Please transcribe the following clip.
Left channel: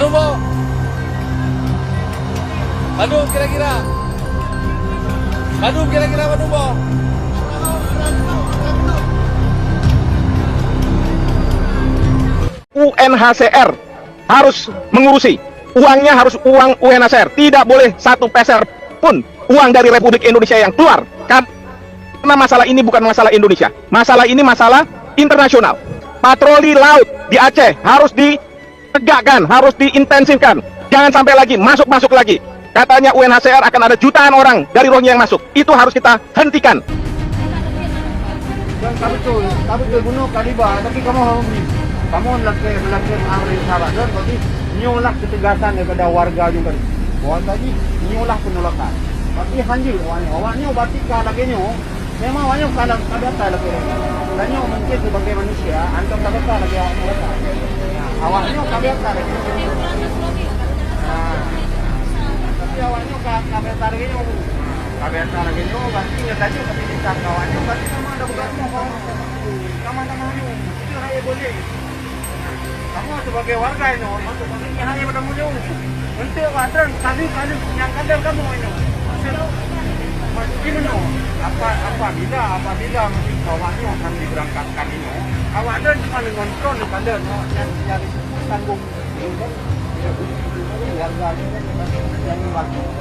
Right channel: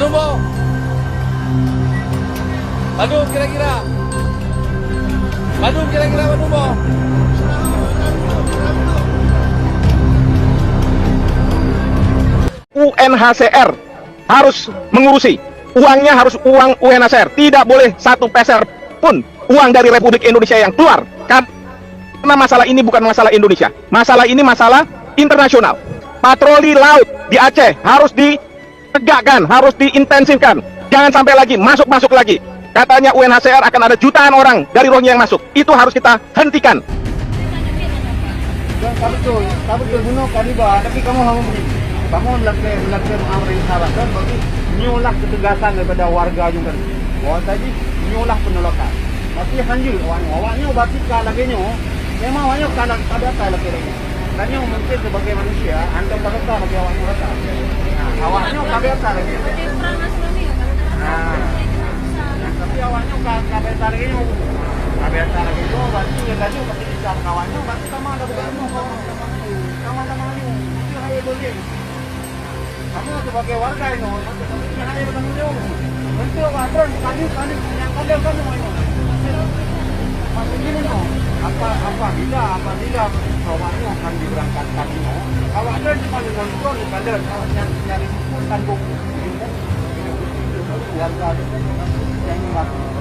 Bandung po. Bandung kira-kira. Bandung kira-kira Bandung po. UNHCR harus mengurusi. Uangnya harus uang UNHCR. Tidak boleh satu peser pun uang dari Republik Indonesia yang keluar. Karena masalah ini bukan masalah Indonesia. Masalah ini masalah internasional. Patroli laut di Aceh harus ditegakkan, harus diintensifkan. Jangan sampai lagi masuk lagi. Katanya UNHCR akan ada jutaan orang dari Rohingya yang masuk. Itu harus kita hentikan. Dan tak betul bunuh Kadiba, tapi kamu harus begini. Kamu melakukan amri sahabat dan bagi nyulah ketegasan daripada warga juga. Bahwa tadi nyulah penolakan. Tapi hanjul awaknya batika lagi nyo. Memang awaknya kalau kadata lagi. Dan mungkin sebagai manusia antum kadata lagi awaknya kata. Nah, awaknya kadata lagi. Tapi awaknya kadata lagi nyo. Kadata lagi nyo berarti nyelaju kepikiran kawannya berarti sama ada begarmu kawan. Sama maju. Itu hanya boleh. Kamu sebagai warga ini, masuk ini hanya bertanggung jawab. Untuk wadran kali yang kalian kamu ini. Masih gimana? Apabila kawannya akan diberangkatkan ini, kawan paling kontrol kalian yang nyari tanggung. Warga yang membantu.